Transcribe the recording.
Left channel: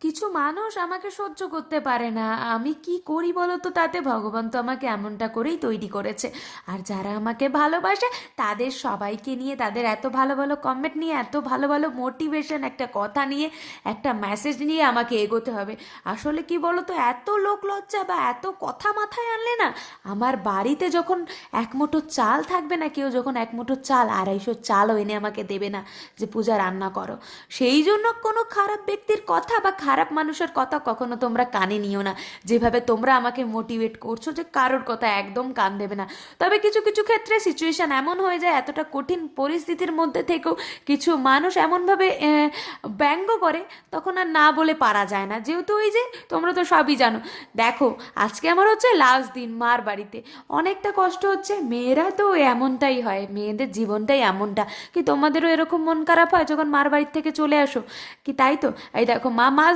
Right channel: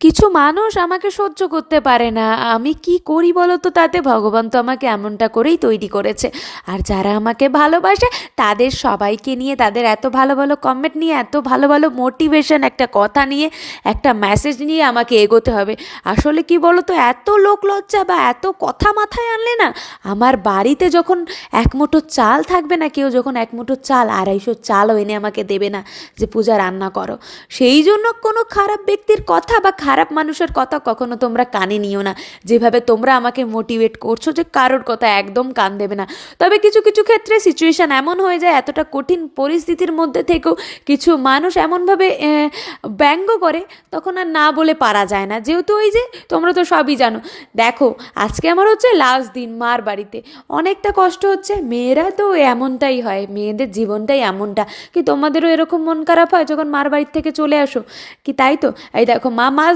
কিছু মানুষ আমাকে সহ্য করতে পারে না, আমি কি করি বলো তো? তাতে ভগবান তো আমাকে এমনটা করেই তৈরি করেছে। আর যারা আমাকে ভালোবাসে তাদের সবাইকে নিয়ে, তাদের এত ভালো ভালো কমেন্ট নিয়ে, এত ভালো ভালো মোটিভেশন, একটা কথা নিয়ে, একটা মেসেজ নিয়ে আমাকে এগোতে হবে। আসলে কি বলো তো, এত লোক লজ্জা বা এত কথা মাথায় আনলে না, আমার বাড়িতে যখন এক মুঠো চাল থাকবে না, কেউ যখন এক মুঠো চাল, 250 চালও এনে আমাকে দেবে না যে পূজা রান্না করো। সেই জন্য কোনো খারাপ ব্যক্তির কথা বা খারাপ মানুষের কথা কখনো তোমরা কানে নিও না। যেভাবে তোমরা আমাকে মোটিভেট করছো যে কারোর কথা একদম কান দেবে না। তবে কিছু কিছু ক্ষেত্রে সিচুয়েশান এমন হয়ে যায়, এতটা কঠিন পরিস্থিতির মধ্যে থেকেও কিছু মানুষ এমনভাবে ব্যঙ্গ করে, তখন আর না বলে পারা যায় না। যেহেতু ওই যে, তোমরা তো সবই জানো। দেখো, আজকে আমার হচ্ছে লাস্ট দিন মার বাড়িতে, অনেকটা কষ্ট হচ্ছে। মেয়েরা তো এমনটাই হয়, মেয়েদের জীবনটাই এমনটা। কি তোমাদেরও এরকম মন খারাপ হয় যখন মার বাড়ির থেকে চলে আসো? কি তাই তো? এই দেখো, মা মাছ